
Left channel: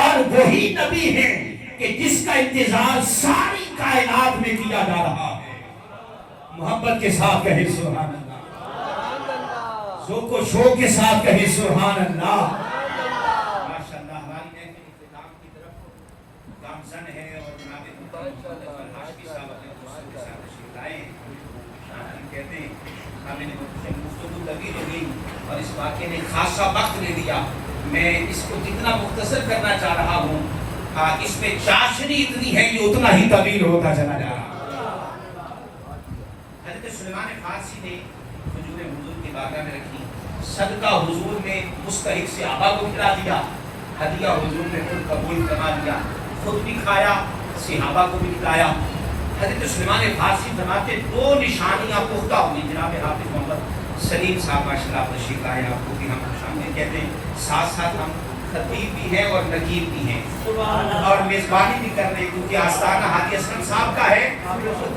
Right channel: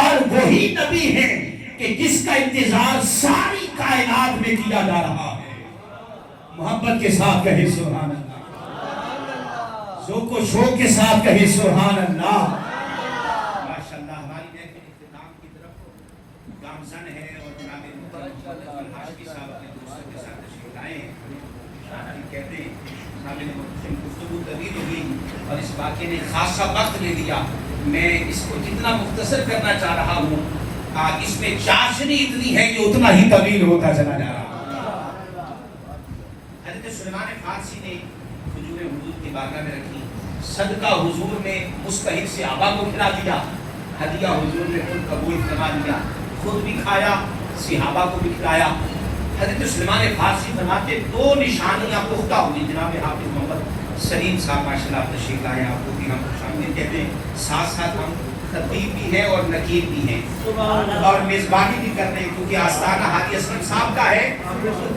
اور وہی نبی ہیں کہ جس کا انتظار ساری کائنات میں کیا جا رہا ہے. محبت کے ساتھ کہے سبحان اللہ, ذوق و شوق کے ساتھ کہے سبحان اللہ. ماشاءاللہ ہماری محفل اختتام کی طرف گامزن ہے اور جناب عاشقی صاحب اپنے دوستوں کے ساتھ تشریف لائے ہیں. شاعر کہتے ہیں جناب نے گفتگو طویل ہوئی اور اس واقعے نے خاصا وقت لے لیا. میں اس کو جتنا مختصر کرنا چاہ رہا ہوں اس میں چاشنی اتنی ہے کہ اتنا ہی طویل ہوتا چلا جا رہا. حضرت سلیمان فارسی نے کھجوریں حضور کی بارگاہ میں رکھی. صدقہ حضور نے مستحق صحابہ کو کھلا دیا. ہدیہ حضور نے خود قبول فرما لیا, خود بھی کھایا, صحابہ کو بھی کھلایا. حضرت سلیمان فارسی فرماتے دو نشانیاں پختہ ہوئی. جناب حافظ محمد سلیم صاحب ماشاءاللہ تشریف لائے ہیں, آپ کو بھی ہم شامل کہتے ہیں. ساتھ ساتھ ہم خطیب بھی ہیں اور نقیب بھی ہیں اور میزبانی بھی کرتے ہیں کیونکہ آستانہ حاجی اسلم صاحب کا ہے.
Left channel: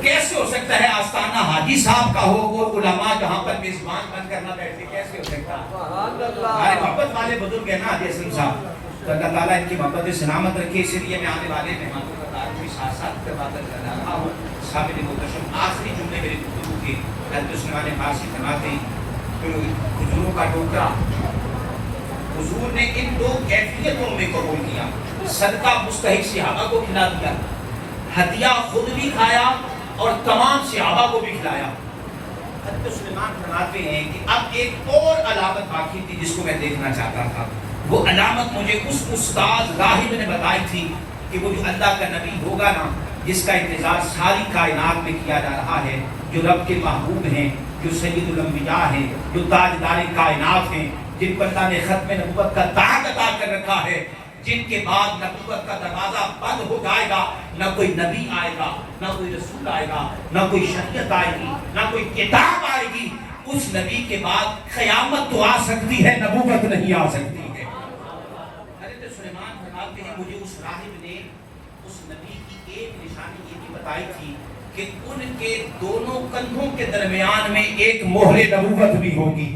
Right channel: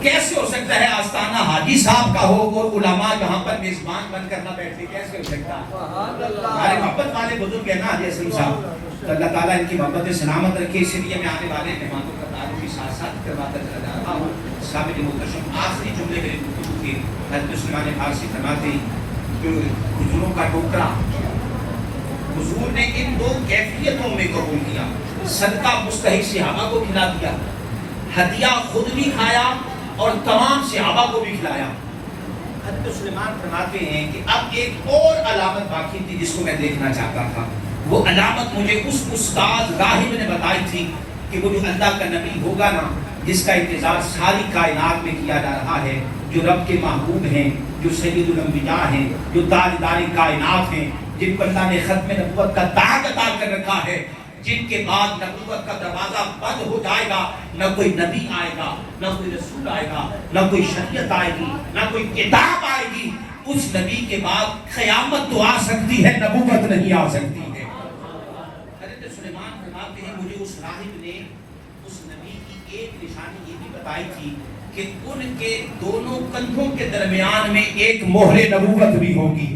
کیسے ہو سکتا ہے آستانہ حاجی صاحب کا ہو اور علماء یہاں پر میزبان بن کر نہ بیٹھے؟ کیسے ہو سکتا؟ ہمارے محبت والے بزرگ ہیں نا حاجی اسلم صاحب, تو اللہ تعالیٰ ان کی محبت سلامت رکھے. اسی لیے میں آنے والے مہمانوں کا تعارف بھی ساتھ ساتھ کروا کر جا رہا ہوں. سامنے محترم آخری جملے میرے گفتگو کے حضرت سلیمان فارسی فرماتے کھجوروں کا ٹوکرا حضور نے ان دو کیفیتوں میں قبول کیا. صدقہ مستحق صحابہ کو کھلا دیا, ہدیہ خود بھی کھایا اور تمام صحابہ کو بھی کھلایا. حضرت سلیمان فرماتے ہیں کہ اب ایک اور علامت باقی تھی جس کو میں دیکھنا چاہتا تھا. وہ علامت مجھے اس استاد راہب نے بتائی تھی کہ وہ اللہ کا نبی ہوگا نا جس کا انتظار ساری کائنات میں کیا جا رہا ہے, جو رب کے محبوب ہیں, جو سید الانبیاء ہیں, جو تاجدار کائنات ہیں, جن پر اللہ نے ختم نبوت کا تاج عطا کر رکھا ہے, جن کے بعد نبوت کا دروازہ بند ہو جائے گا. نہ کوئی نبی آئے گا, نہ کوئی رسول آئے گا, نہ کوئی شریعت آئے گی, نہ کوئی کتاب آئے گی. اس نبی کے بعد قیامت تو آ سکتی ہے, نبوت نہیں آ سکتی ہے. حضرت سلیمان فرماتے ہیں مجھے اس راہب نے اس نبی کی ایک نشانی یہ بھی بتائی تھی کہ ان کے دونوں کندھوں کے درمیان میں ایک مہر نبوت بھی ہوگی.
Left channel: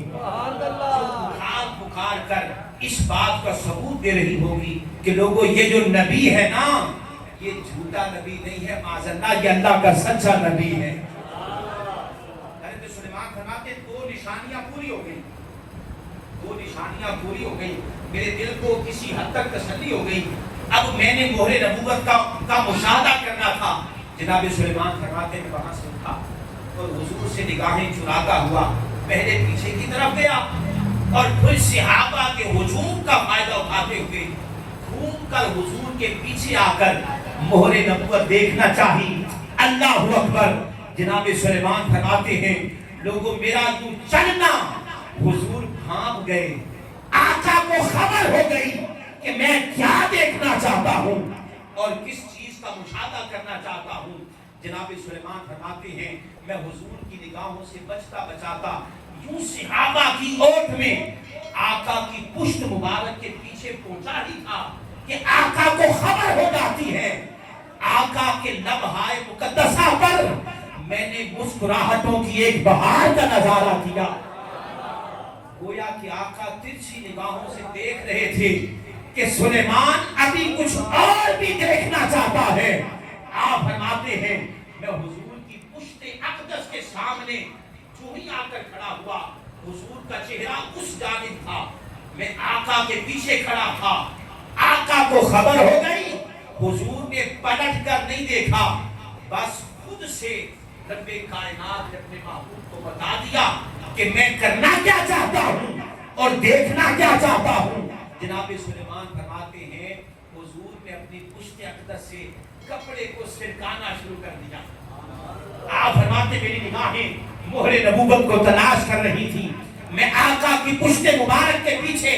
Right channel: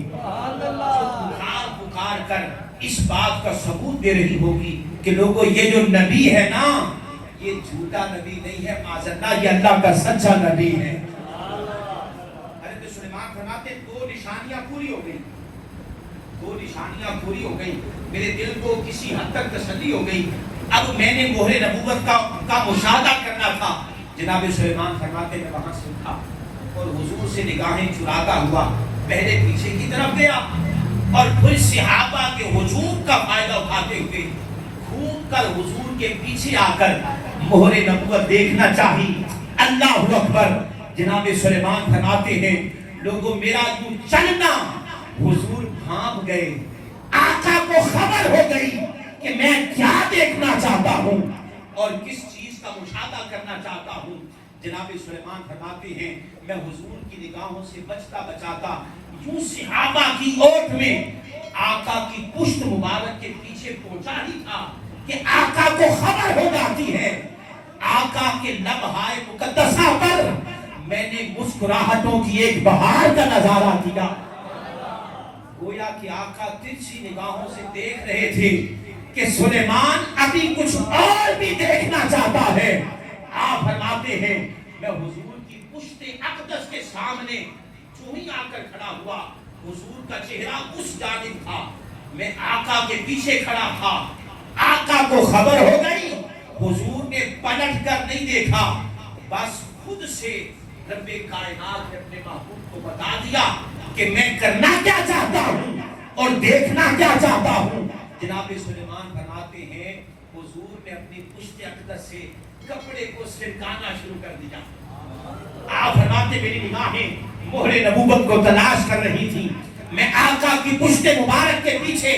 پکار کر اس بات کا ثبوت دے رہی ہوگی کہ لوگوں یہ جو نبی ہے نا یہ جھوٹا نبی نہیں ہے, معاذاللہ یہ اللہ کا سچا نبی ہے. حضرت سلیمان فرماتے دو نشانیاں پوری ہو گئی, دو نشانیاں پوری ہو گئی. میرے دل کو کسی حد تک تسلی ہو گئی. اب میں نے مہر نبوت کا مشاہدہ کرنا تھا. جناب سلیمان فرماتے ہیں وہاں سے اٹھا اور حضور سے نگاہیں چراتا ہوا پہلے پیچھے کی طرف گیا اور پھر صحابہ کے ہجوم کا فائدہ اٹھاتے ہوئے گھوم کر حضور کے پیچھے آ کر مہر نبوت دیکھنا چاہی. اللہ اکبر. جناب سلیمان فرماتے ہیں لوگوں میرا تو چلنا. حضور بھاگ گئے, آقا کو خبر ہو گئی کہ میں کیا دیکھنا چاہتا ہوں اور کس چیز کا مشاہدہ کرنا چاہتا ہوں. جناب سلیمان فرماتے ہیں میں حضور کی نگاہوں سے بچتا بچاتا یوں صحابہ کی اوٹ میں آقا کی پشت مبارک کے پیچھے پہنچا ہی تھا کہ آقا کو خبر ہو جاتی ہے. آقا کے لمحائے مقدسہ پر میں نے مسکراہٹوں کی ایک بہار کا نظارہ دیا. گویا کہ آقا ترچھی نگاہوں سے دیکھ رہے تھے کہ سلیمان ابھی کچھ اور بھی دیکھنا چاہتا ہے. آپ فرماتے ہیں میں حضور کی پشت اقدس کے سامنے جو ہی آ کر کھڑا ہوا حضور کا چہرہ اس جانب تھا, میں آقا کے پیچھے کھڑا تھا. آقا کو خبر ہو گئی, حضور نے پلٹ کر نہیں دیکھا, بس خود سے رب کائنات نے اپنے محبوب کو بتا دیا کہ میں کرنا کیا چاہتا ہوں اور دیکھنا کیا چاہتا ہوں. جناب سلیمان فرماتے ہیں حضور نے اپنی پشت اقدس سے کپڑے کو سرکانا شروع کر دیا. آپ فرماتے میری نگاہیں مہر نبوت کو تلاش کر رہی تھی. میں آقا کی پشت مبارک کے پیچھے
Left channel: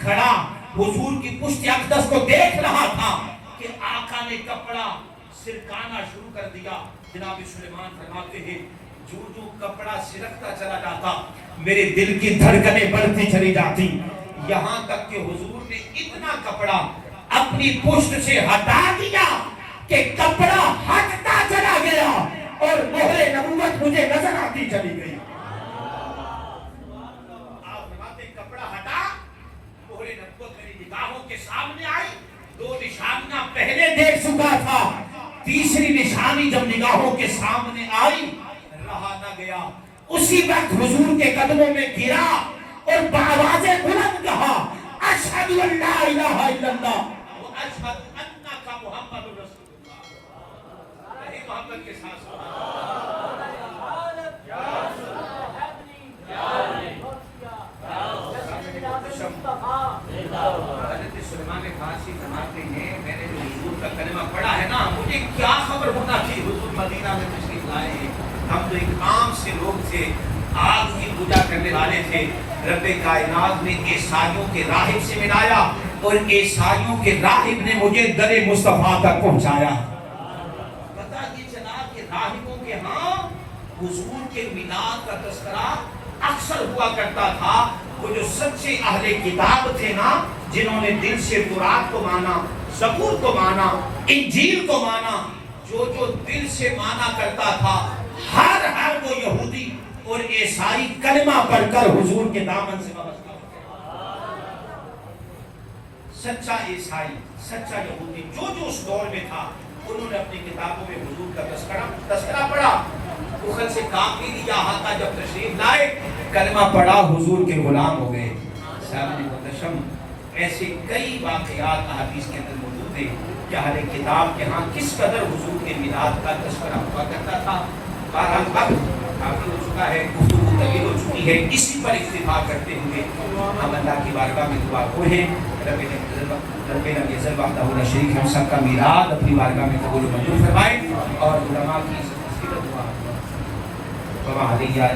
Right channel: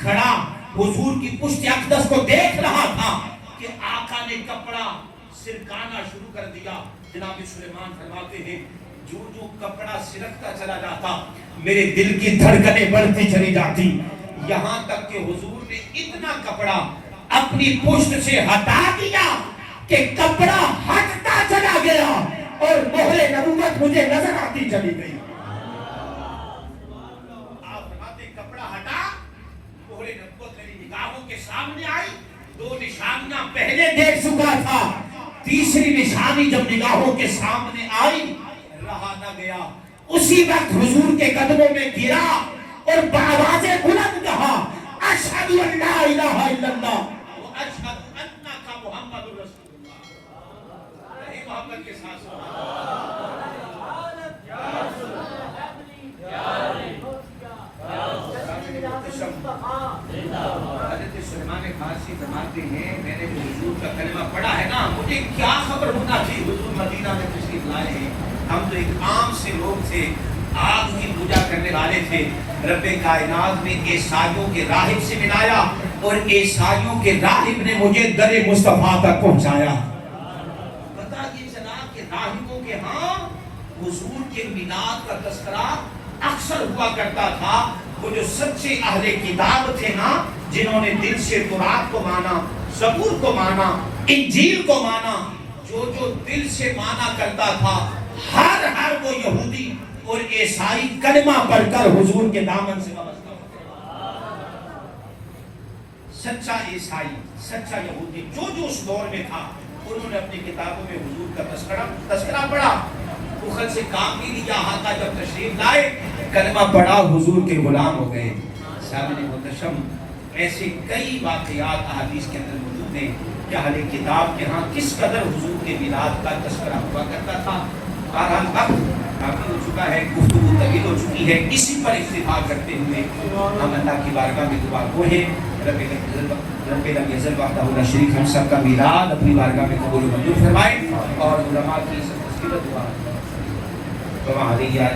کھڑا حضور کی پشت اقدس کو دیکھ رہا تھا کہ آقا نے کپڑا سرکانا شروع کر دیا. جناب سلیمان فرماتے ہیں جو جو کپڑا سرکتا چلا جاتا میرے دل کی دھڑکنیں بڑھتی چلی جاتی, یہاں تک کہ حضور نے اتنا کپڑا اپنی پشت سے ہٹا دیا کہ کپڑا ہٹتا چلا گیا اور مہر نبوت مجھے نظر آتی چلی گئی. آپ فرماتے کپڑا ہٹا, مہر نبوت میری نگاہوں کے سامنے آئی. 2 نشانیاں پہلے دیکھ چکا تھا, تیسری نشانی جب نگاہوں کے سامنے آئی رہا نہ گیا. اسی وقت حضور کے قدموں میں گرا اور بآواز بلند کہا اشہد ان لا الہ الا اللہ واشہد انک محمد رسول اللہ. نہیں محبت کے ساتھ سلمان فارسی فرماتے ہیں میں نے جو حضور کا کلمہ پڑھا ہے نا مجھے کیا خبر ہونا چاہیے حضور مدینہ میں تشریف لائے ہیں. ہم تو ایک عام سے لوگ تھے, آگ کی پوجا کرنے والے تھے. رب کائنات نے عیسائیوں کے راہب سے ملایا اور عیسائیوں کے راہب نے مجھے در مصطفیٰ تک پہنچایا. پتہ یہ چلا کہ راہبوں کے ہاں حضور کے میلاد کا تذکرہ اکثر ہوا کرتا تھا. وہ جو سچے اہل کتاب تھے نا, جنہوں نے دل سے تورات کو مانا, زبور کو مانا, انجیل کو مانا, جو جو دل سے مانا کرتا تھا, ہر وہ یہودی اور عیسائی کلمہ پڑھ کر حضور کے دامن سے وابستہ ہو. سچا عیسائی, سچا یہودی جو اس دور میں تھا, انہوں نے اپنی کتابوں میں حضور کا تذکرہ پڑھا. مخل سے کام نہیں لیا, آقا جب تشریف لائے کلمہ پڑھا حضور کے غلام ہو گئے. سامنے منتشم ایسے کئی واقعات احادیث کے اندر موجود ہیں کہ اہل کتاب کے ہاں کس قدر حضور کے میلاد کا تذکرہ ہوا کرتا تھا. بہرحال وقت کافی ہو چکا ہے, گفتگو طویل ہو چکی ہے. اسی پر اکتفا کرتے ہوئے ہم اللہ کی بارگاہ میں دعا گو ہیں رب لم یزل وحدہ شریک ہم سب کا میلاد اپنی بارگاہ میں قبول منظور فرمائے اور علماء کی مصیبت دعا وما علیہ